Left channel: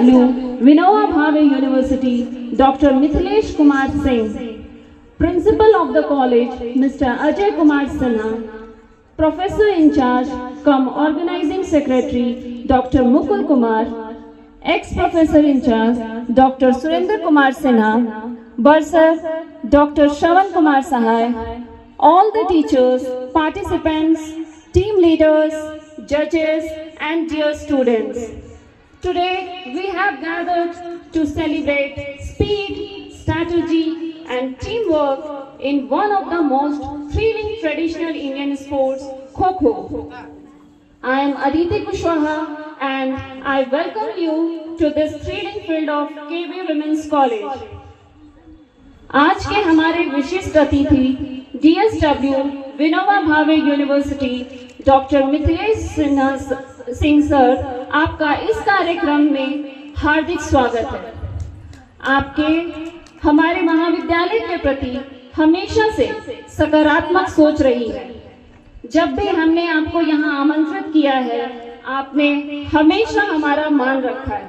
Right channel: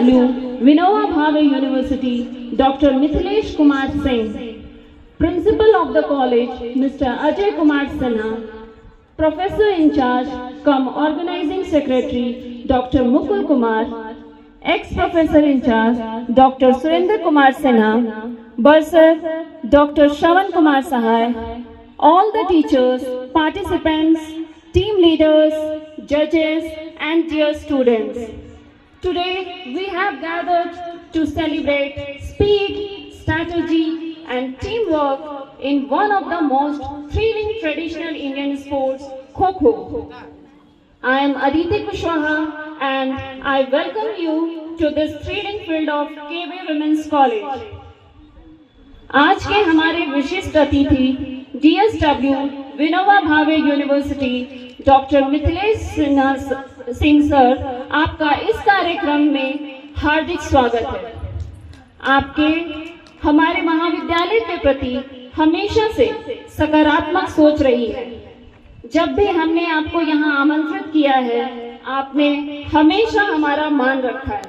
Vinoba Bhave University, Dr. Mithilesh Kumar Singh, Principal of the College, Mr. Ajay Kumar Sinha, Professor in charge, cum Organizing Secretary, Dr. Mukul Kumar, Ex-Professor in charge, Dr. Surendra Kumar Sinha, Bursar, Dr. Shravan Kumar Sahai, all the teachers, participants, team leaders, judges, and dear students. Today, we have gathered to celebrate speed, strategy, and teamwork in one of the most thrilling traditional Indian sports, Kho-Kho. I am Aditi Kushwaha and I welcome you to this thrilling field of KB Women's College. आज के हमारे विशिष्ट अतिथि DSW Vinoba Bhave university doctor Mithilesh Singh sir, आपका इस कार्यक्रम में हार्दिक स्वागत है। आपके हमारे महाविद्यालय के प्रति हमेशा से सकारात्मक सोच रही है। जब भी हमने आपको यहाँ आमंत्रित किया है, आपने हमेशा हमारा मान रखा है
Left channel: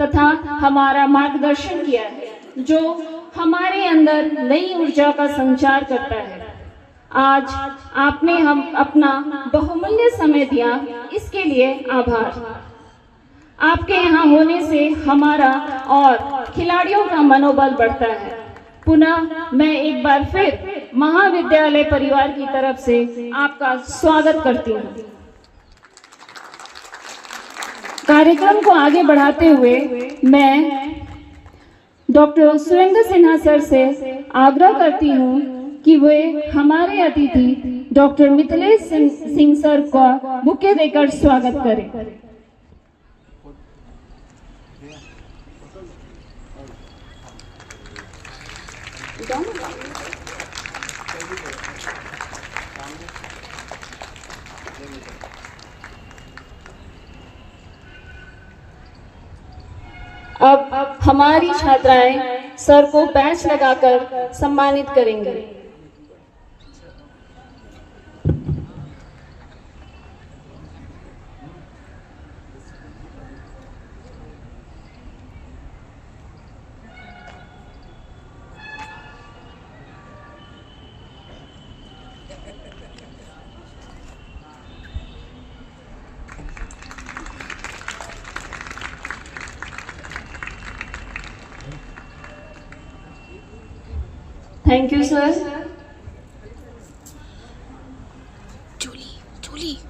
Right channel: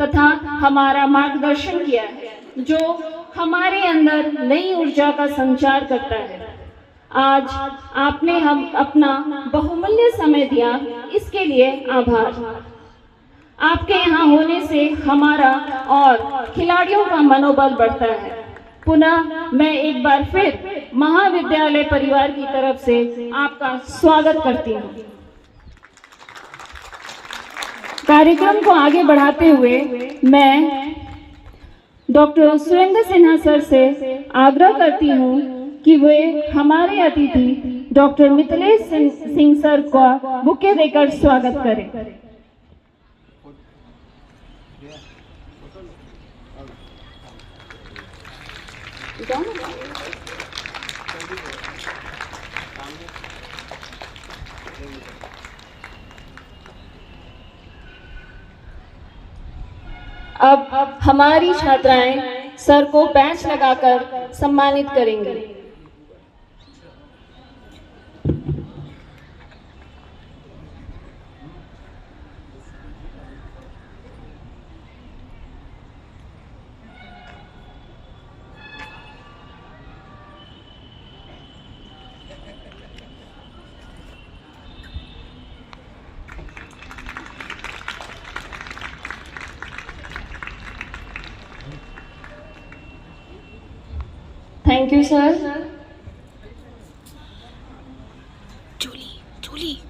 तथा हमारा मार्गदर्शन किया है, जो हमारे अंदर नई ऊर्जा का संचार करता है। आज आपने हम अपना बहुमूल्य समय दिया, इसके लिए आभार। आपके यहाँ होने से हमारा और खिलाड़ियों का मनोबल बढ़ता है। पुनः मैं एक बार फिर महाविद्यालय परिवार की तरफ से आपका स्वागत करती हूँ। कार्यक्रम को आगे बढ़ाते हुए मैं डॉक्टर सुरेंद्र सिन्हा सर से आग्रह करती हूँ कि वे हमारे अतिथि डॉक्टर मिथिलेश सिंह सर का बुके देकर स्वागत करें। अब हमारी छात्राएं सर को पैच लगाकर सम्मानित करेंगे। Thank you, sir. Julie.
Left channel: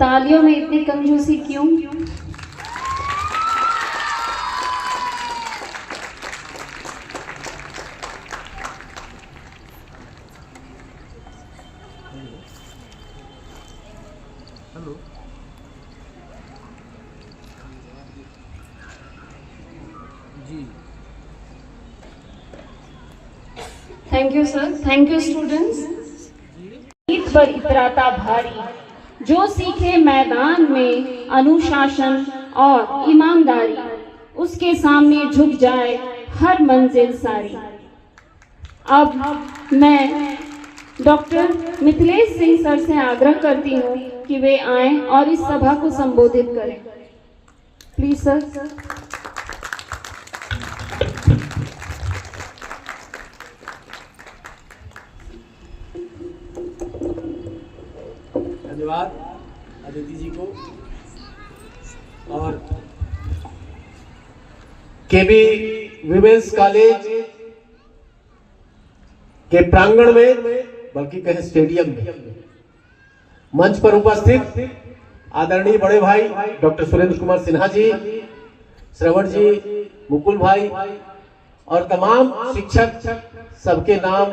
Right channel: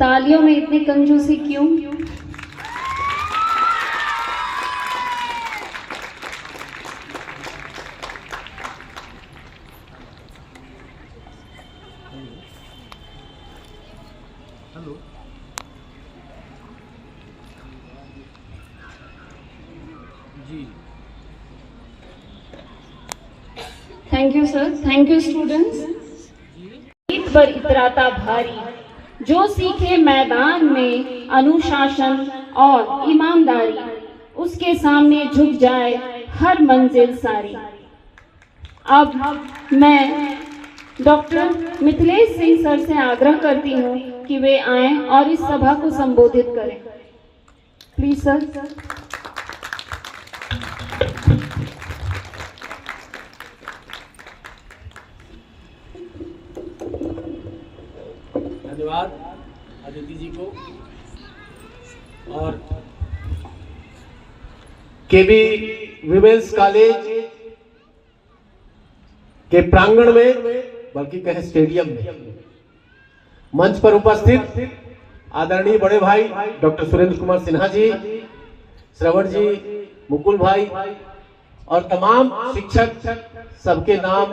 तालियों में इतनी कंजूसी क्यों? हेलो जी। Thank you sir. Thank you students. Eid पर इतराता भारी, जो सीखे मैदान में अनुशासन और ईमानदारी, उसके सामने झुक जाए हर मंजिल सारी। अब मैं डॉक्टर मिथिलेश सिंह सर से आग्रह करती हूँ कि वे आएं और इस सभा को संबोधित करें। Please sir. धन्यवाद अदिति जी को। और केबी विमेंस कॉलेज के प्रांगण में, बल्कि कहें स्टेडियम में, मंच पर उपस्थित आदरणीय बड़े भाई डॉक्टर सुरेंद्र कुमार सिन्हा जी, श्रवण जी, मुकुल भाई और तमाम शिक्षक, सबके नाम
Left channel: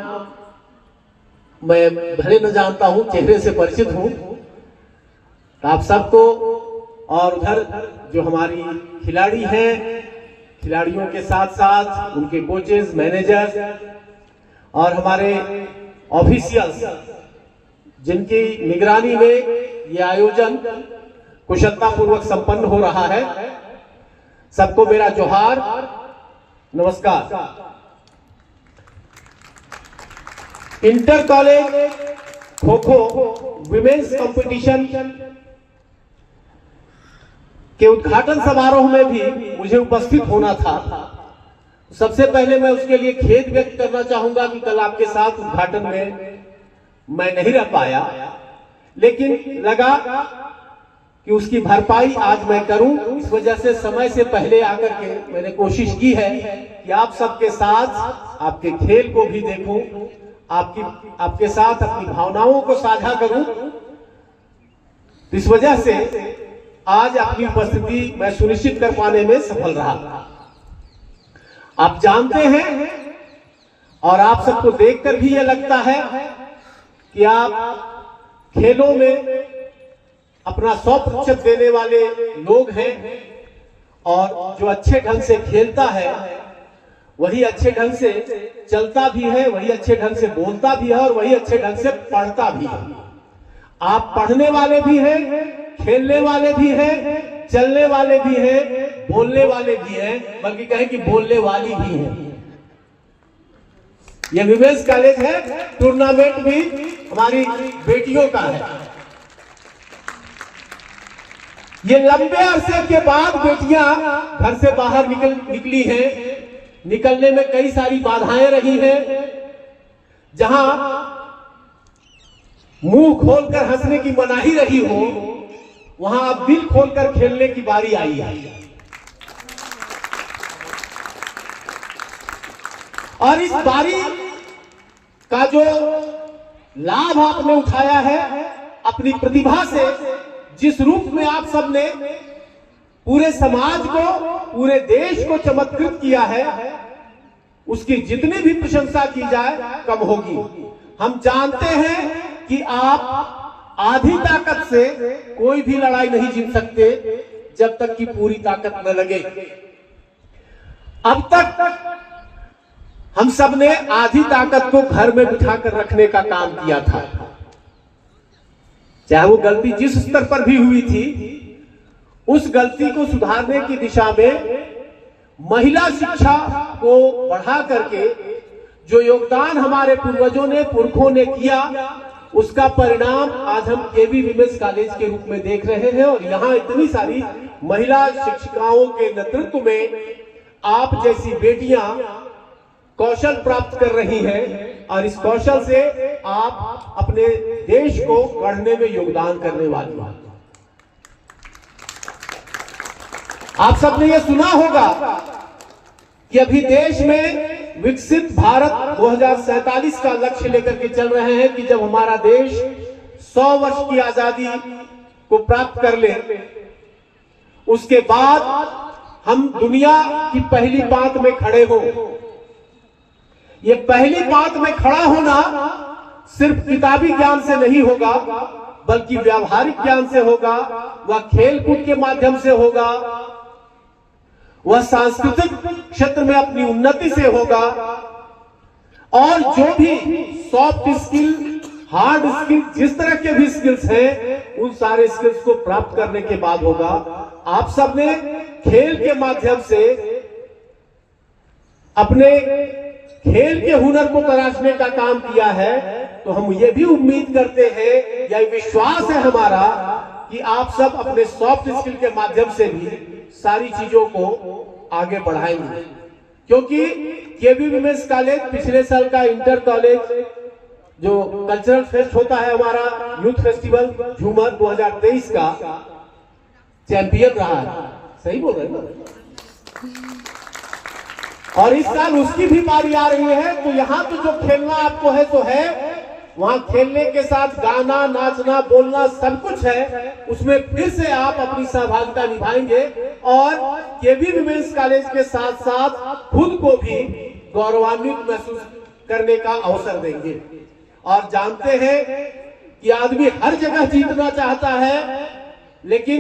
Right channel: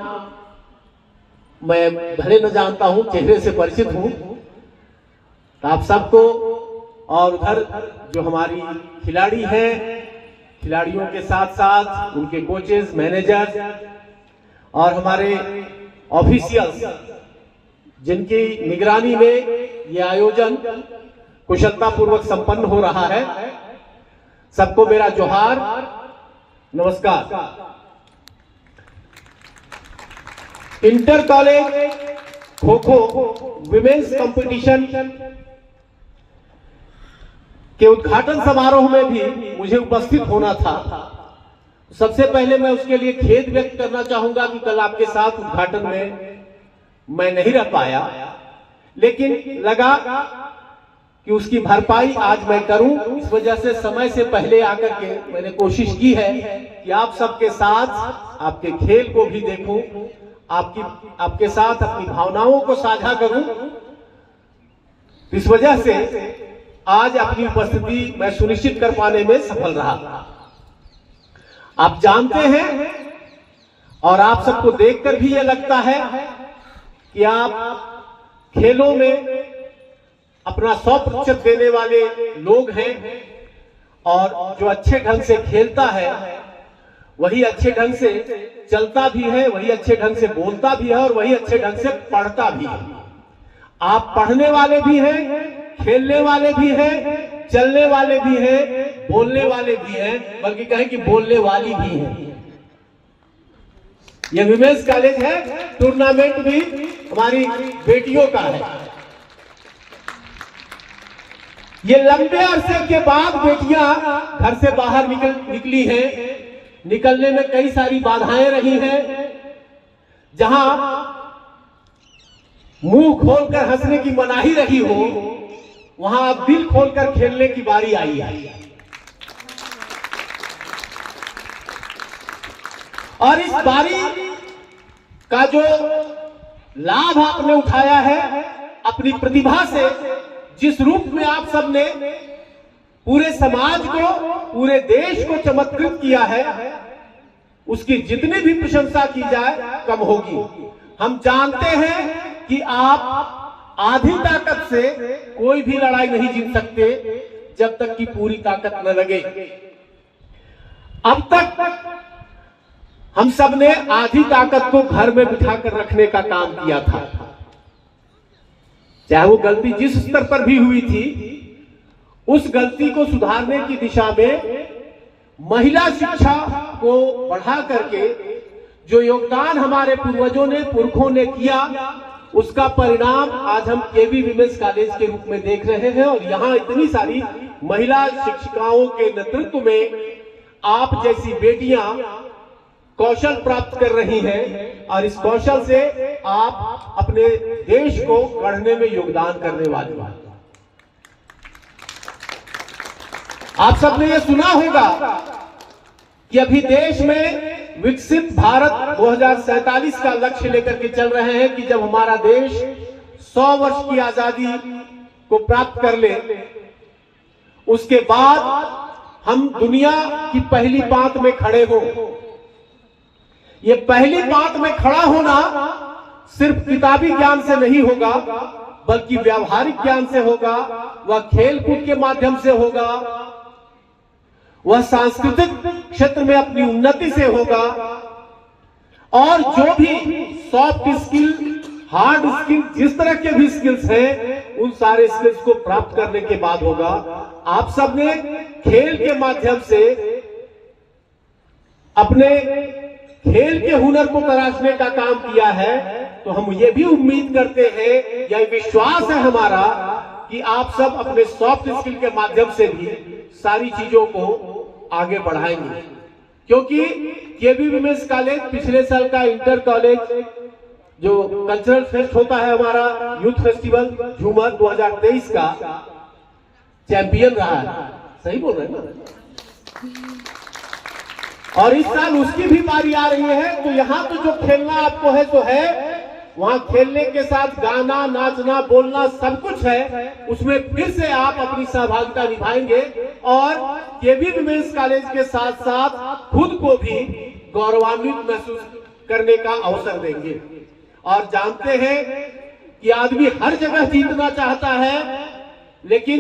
मैं भले न जानता हूं, चेहरे से परिचित हूं। आप सबको, और उधर जो हमारी खिलाड़ी हैं, खिलाड़ियों के साथ साथ उनके कोचेस, मैनेजर और हमारे ऑफिशियल्स जिनकी निगरानी में ये आयोजन कुशलतापूर्वक संपन्न हो रहा है, सबको मेरा जोहार, नमस्कार। Inter college kho kho women's competition के उद्घाटन समारोह में भी मुझे उपस्थित होना था। सबसे पहले मैं उसके लिए खेद व्यक्त करना चाहूंगा कि कल आपके साथ उद्घाटन में मैं नहीं रह पाया, लेकिन लगा कि उसकी भरपाई आज मैं करूं। इस वजह से समय से पहले आकर के मैंने कोशिश की है कि आप सबके साथ आपके खेल को भी देखूं, आपके साथ अपनी भावनाओं को साझा करूं। इस वजह से आज अपनी उपस्थिति मैं सुनिश्चित कर पाने में सफल रहा। आप जानते हैं और आप सबको देखकर भी यह लगता है कि आप खेलों में अपना 100% देने वाले लोग हैं, और जो अच्छे ढंग से खेलता है वही अच्छे ढंग से चलता भी है, वही अच्छे ढंग से बोलता भी है और वही अच्छे ढंग से पढ़ता भी है। आप पढ़ने वाले भी हैं, खेलने वाले भी हैं, चलने वाले भी हैं, बोलने वाले भी हैं, बल्कि कहें कि बोलने वाली भी है। यह विमेंस कॉलेज है, टूर्नामेंट भी हमारी बेटियों का है। ये लंबे अरसे के बाद बेटियां घर से बाहर निकली हैं। निकलने में कई सारी बाधाएं रही हैं। जहां मुंह खोलकर हंसने की मनाही रही हो, वहां अब दिल खोलकर खेलने की बारी आई है। और इस बारी का जो लाभ आपने उठाया है अपनी प्रतिभा से, जिस रूप में आप सबने पूरे समाज को, पूरे देश को चमत्कृत किया है, उसकी जितनी भी प्रशंसा की जाए कम होगी। हम जानते हैं कि आप आधी ताकत से कोई भी लड़ाई नहीं जीत सकते जब तक कि पूरी ताकत न लगे। अब तक हम सब ने आधी ताकत को घर में बिठाकर रखने का काम किया था। चाहे वो गलती जिस स्तर पर भी हुई थी, उस गलती को सुधारने की दिशा में महिला शिक्षा को बढ़ा करके जो योगदान हमारे पूर्वजों ने, पुरखों ने किया, उसका परिणाम आज हम केवी विमेंस कॉलेज के रूप में देख रहे हैं। और यहाँ इतनी सारी महिला शिक्षिकाओं के नेतृत्व में आप जैसी बेटियां कौशल प्राप्त कर रही हैं, और इस कौशल से आप अपने देश को गढ़ने में योगदान करने वाली हैं। आप सबने ये सुना होगा कि अभी देश में विकसित भारत 2047 का लक्ष्य लेकर के चल रहे हैं कि जब हमारा देश 100 वर्ष की आजादी को प्राप्त कर ले, उसके बाद हम दुनिया की पहली पांत में खड़े हो। ये पहली पांत में खड़ा होना सिर्फ किताबी ज्ञान से नहीं होगा, बल्कि व्यावहारिक ज्ञान से होगा, वह खेल कूद के माध्यम से होगा, वह सांस्कृतिक क्षेत्र में अपनी उन्नति से होगा, और जो भी सॉफ्ट स्किल, हार्ड स्किल, जिस तरह के भी स्किल्स हैं, उन सारे स्किल्स को प्राप्त करने के बाद होगा। आप सबने खेल के माध्यम से अपने खेल के हुनर को तराशने का काम किया है, तो हम ये भी उम्मीद करते हैं, यह विश्वास है हमारा कि आप सब अपने सॉफ्ट स्किल के माध्यम से भी सारी चीजों को आगे बढ़ाएंगे। क्योंकि केवी विमेंस कॉलेज पिछले साल का इंटर कॉलेज जो कल्चरल फेस्ट होता है, हमारा यूथ फेस्टिवल झूमर 2023 का चैंपियन रहा है। सही बोल रहे हैं ना? और इस साल उसकी भी बारी आ रही है। तो यहाँ तो जो खेलना आपको है तो है, वहां खेलने के साथ गाना, नाचना, बोलना सब कुछ है। उसमें फिर से आप अपनी सहभागिता निभाएंगे और केवी विमेंस कॉलेज के साथ साथ खुद को भी गौरवान्वित महसूस करने का अवसर देंगे। और जानते हैं कि आदमी हर जगह जीतना चाहता है, लेकिन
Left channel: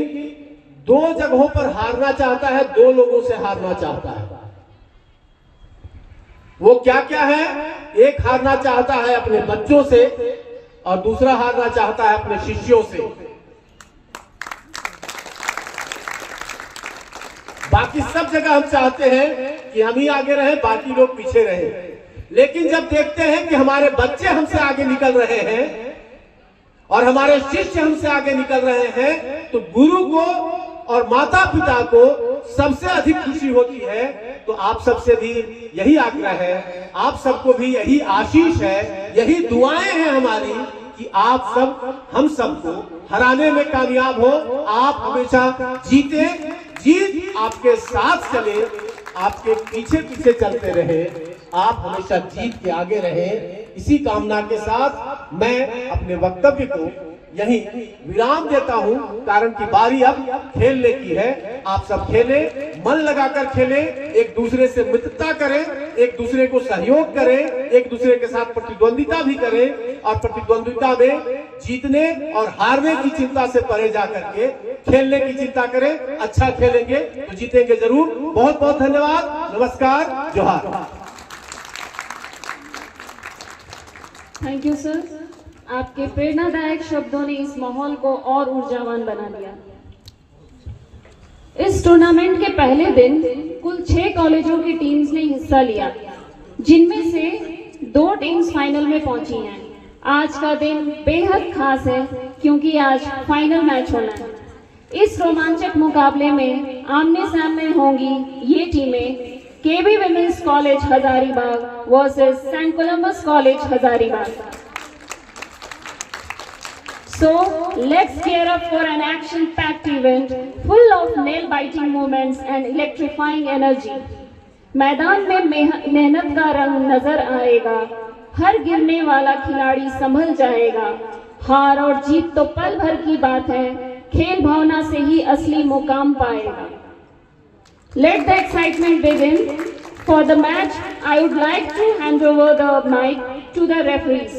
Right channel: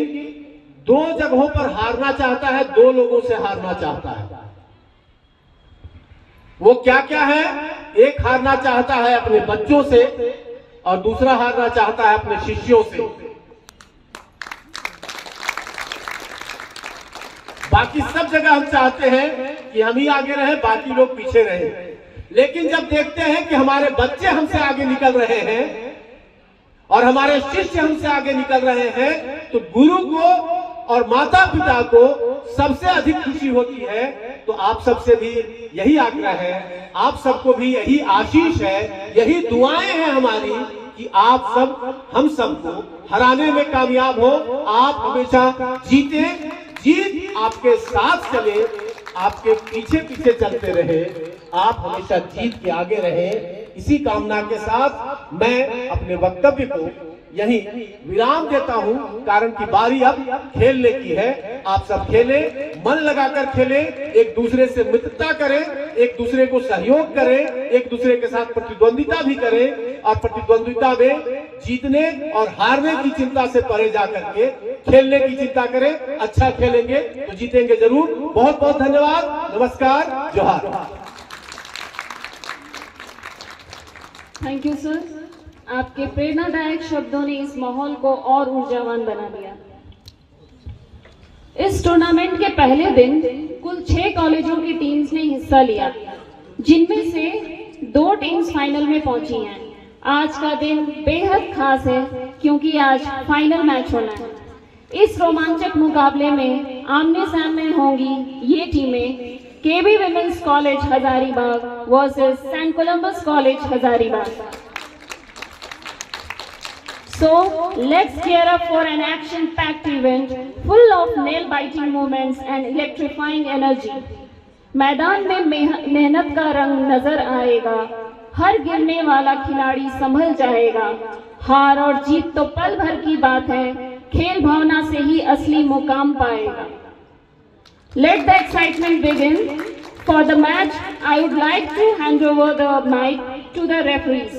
2 जगहों पर हारना चाहता है, 2 लोगों से हारना चाहता है। वो क्या क्या है, एक हारना चाहता है अपने बच्चों से और दूसरा हारना चाहता है अपने शिष्यों से। बाकी सब जगह हम चाहते हैं कि हम ही आगे रहे, बाकी लोग पीछे रहे। लेकिन जब देखते हैं कि हमारे बच्चे हमसे आगे निकल रहे हैं और हमारे शिष्य हमसे आगे निकल रहे हैं, तो गुरु को और माता पिता को सबसे अधिक खुशी होती है। तो आप सबसे भी यही आग्रह है, आप सबको भी यही आशीष है, यही दुआएं हैं हमारी कि आप सब हम सबको हराने में कामयाब हो। आप हमेशा जीते, जीत आपके साथ चले, आपके पीछे पीछे चलते रहे, आप हमेशा जीत के आगे रहे। इसी कामना के साथ मैं अपने वक्तव्य को यही विराम देता हूं, कारण की बारी अब खेलने की है। आप सब खेलें, मन लगाकर खेलें, एक दूसरे से मित्रता करें, एक दूसरे को सहयोग करें, एक दूसरे के साथ प्रतिद्वंदिता भी करें और प्रतिद्वंदिता में जीतने और हारने की चिंता से परे जाकर के खेलने की चिंता करें। अच्छा खेलेंगे तो जीतेंगे जरूर। बहुत बहुत धन्यवाद, नमस्कार, जोहार। थैंक यू सर, आपके प्रेरणादायक शब्दों ने इस माहौल को और ऊर्जावान बना दिया। इस टूर्नामेंट के पहले दिन कुल 6 कॉलेजों की टीम्स ने हिस्सा लिया, जिनमें से 2 टीम्स फाइनल में पहुंची हैं। आज का दिन बेहद खास है क्योंकि आज फाइनल मैच होना है। इस रोमांचक मुकाबले में आमने सामने होंगी ये टीमें KV women's college Hazaribagh versus saint Columbus college Hazaribagh. So let's gear up for an action-packed event full of nail-biting moments and electrifying energy. मैदान में मेहनत का रंग नजर आएगा, हर गिरने वाला खिलाड़ी संभल जाएगा। हार और जीत तो पल भर की बात है, खेल भावना से ही असली मुकाम पाएगा। Let the excitement begin. For the match, I would like to hand over the mic to the referees.